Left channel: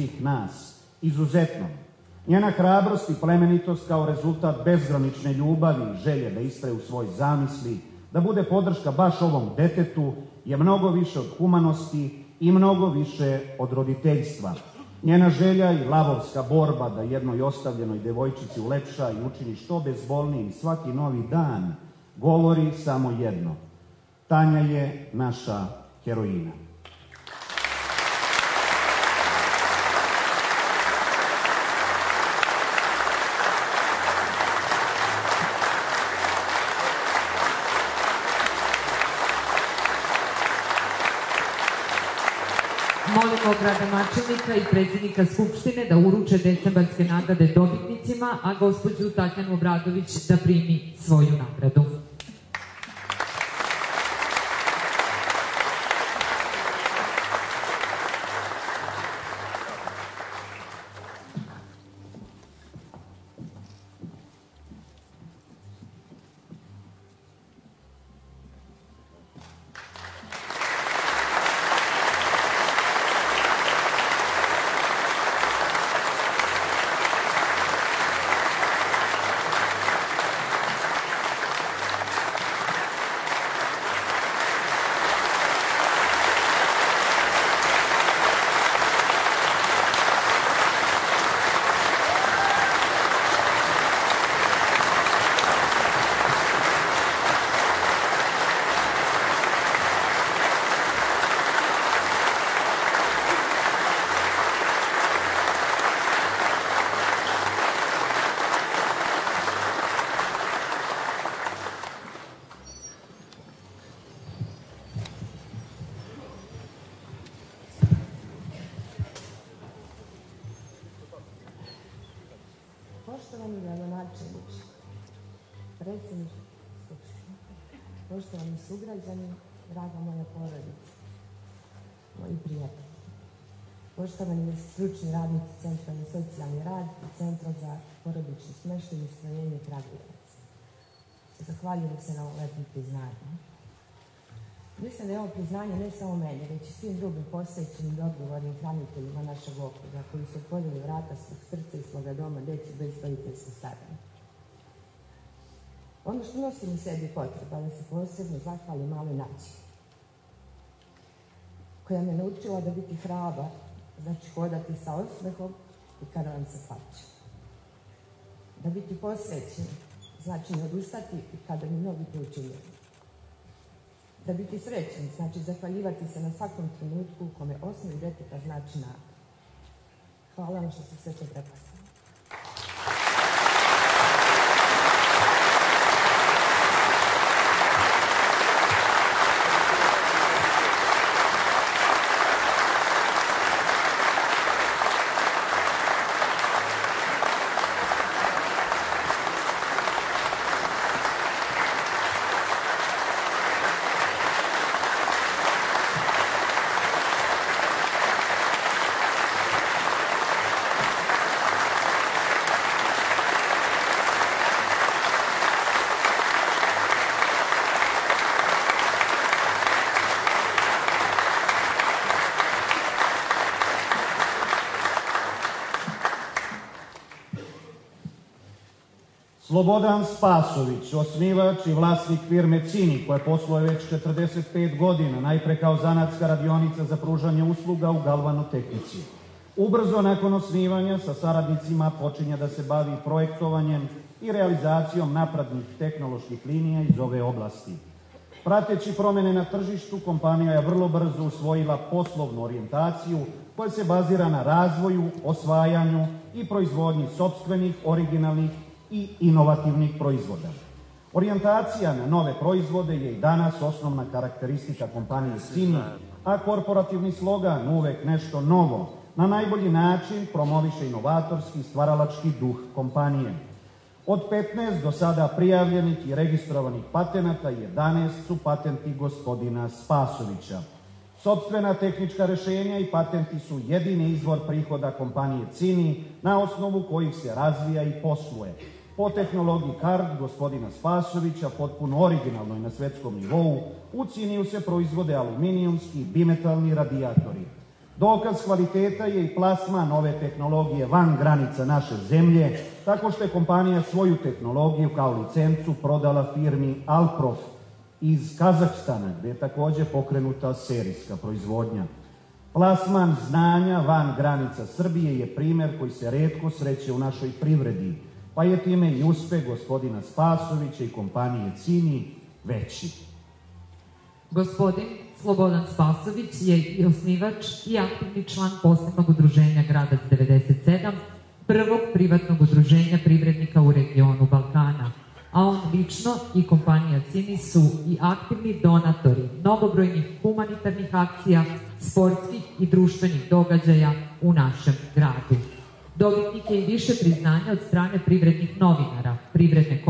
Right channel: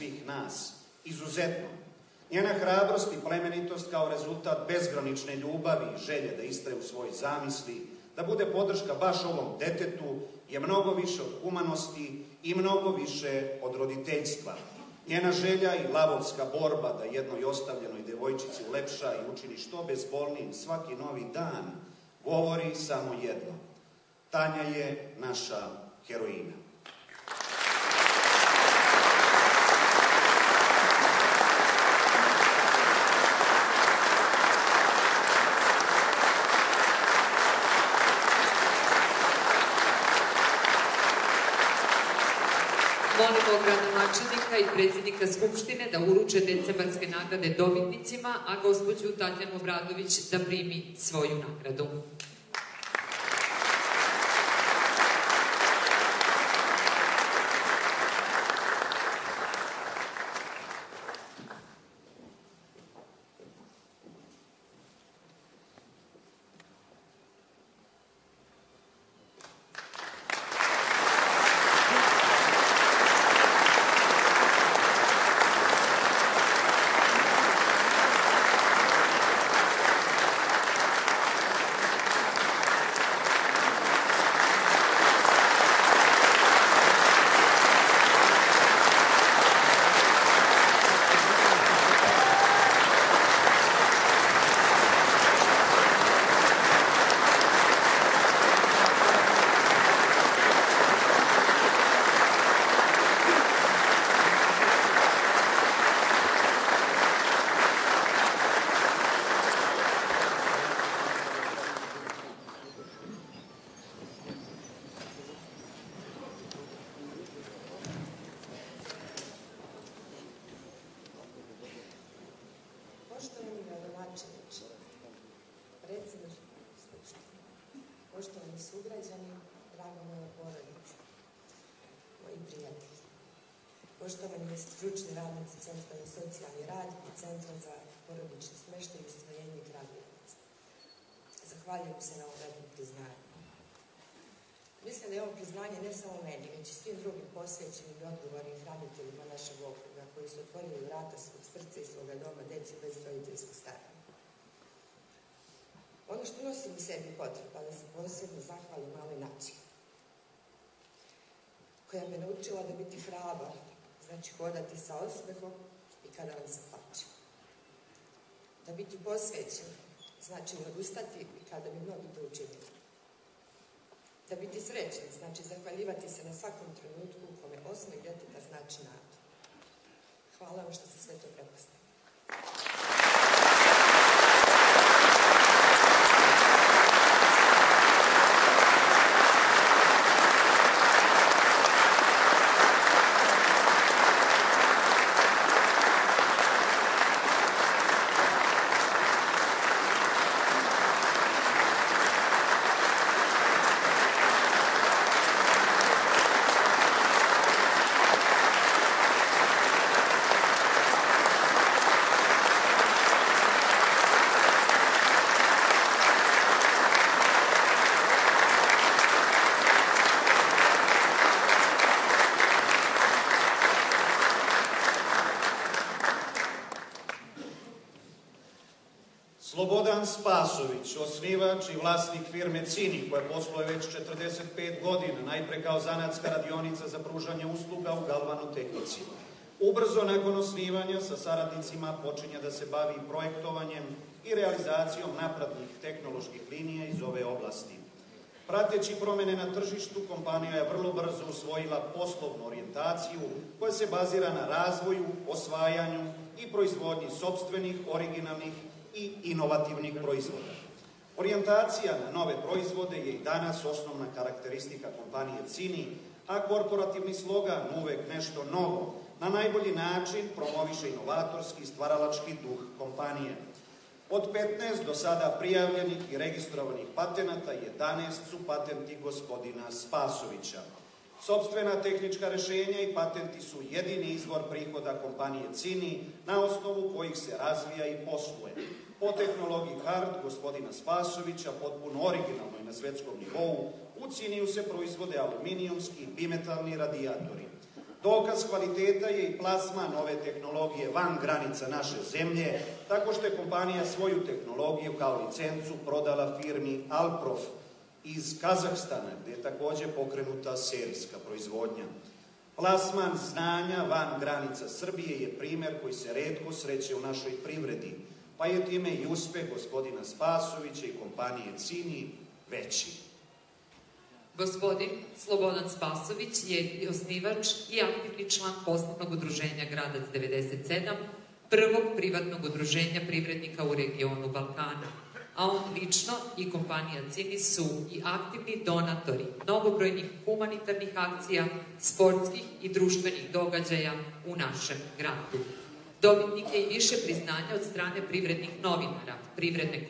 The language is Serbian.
svih nas, izuzetno. Njena hrabrost i plemenitost kao rezultat bezgranične ljubavi i želje da istraje u svoj zamisli, da bude podrška baš ovom detetu, je mnogo više od humanosti i mnogo više od roditeljstva. Njena želja i lavovska borba da jednoj ostavljenoj devojčici ulepša i učini što bezbolnijim svaki novi dan, govori samo jedno. Tanja je naša heroina. Molimo gradonačelnika i predsjednika Skupštine da uruče decembarske nagrade dobitnicima, a gospođu Tatjanu Obradović da primi svoju nagradu. Poštovani gradonačelniče, predsjednik Skupštine, poštovani sugrađani, draga moja porodica, moji prijatelji, poštovani stručni radnici Centra za socijalni rad i Centra za porodični smještaj i Stvorenje Kragujevac. Zahvaljujem se na ovom lepom priznanju. Mislim da je ovo priznanje ne samo meni, već i svim drugim posvećenim i odgovornim hraniteljima našeg okruga koji su otvorili vrata svog srca i svoga doma djeci bez roditeljskog staranja. Ono što nosim u sebi potreba da se posebno zahvalim maloj Nađi, koja me naučila da biti hrabar, znači hodati sa osmehom i kada vam se plače. Da biti posvećen, znači ne odustati i kada mi mnogi to učinili. Da biti srećen, znači zahvaljivati se na svakom trenutku u kome osmih deteta znači nadu. Hvala vam što ste sve to prepoznali. Slobodan Spasović, osnivač i vlasnik firme Cini, koja posluje već 45 godina, najpre kao zanatska radionica za pružanje usluga u galvanotehnici. Ubrzo nakon osnivanja sa saradnicima počinje da se bavi projektovanjem i realizacijom naprednih tehnoloških linija iz ove oblasti. Prateći promjene na tržištu, kompanija je vrlo brzo usvojila poslovnu orijentaciju koja se bazira na razvoju, osvajanju i proizvodnji sopstvenih, originalnih i inovativnih proizvoda. Orijentacija na nove proizvode je i danas osnovna karakteristika kompanije Cini, a korporativni slogan uvek nešto novo na najbolji način promoviše inovatorski stvaralački duh kompanije. Od 15 do sada prijavljenih i registrovanih patenata 11 su patenti gospodina Spasovića. Sopstvena tehnička rešenja i patenti su jedini izvor prihoda kompanije Cini na osnovu kojih se razvija i posluje. Po tehnologiji CARD gospodina Spasovića, potpuno originalnoj na svetskom nivou, u Ciniju se proizvode aluminijumski i bimetalni radijatori. Dokaz kvaliteta je i plasman ove tehnologije van granica naše zemlje, tako što je kompanija svoju tehnologiju kao licencu prodala firmi Alprof iz Kazahstana, gde je takođe pokrenuta serijska proizvodnja. Plasman znanja van granica Srbije je primer koji se retko sreće u našoj privredi, pa je time i uspeh gospodina Spasovića i kompanije Cini veći. Gospodin Slobodan Spasović je i osnivač i aktivni član posebnog udruženja Gradac 97, prvog privatnog udruženja privrednika u regionu Balkana, a on lično i kompanija Cini su i aktivni donatori mnogobrojnih humanitarnih akcija, sportskih i društvenih događaja u našem gradu. Dobitnik je i više priznanja od strane privrednih novinara, privredne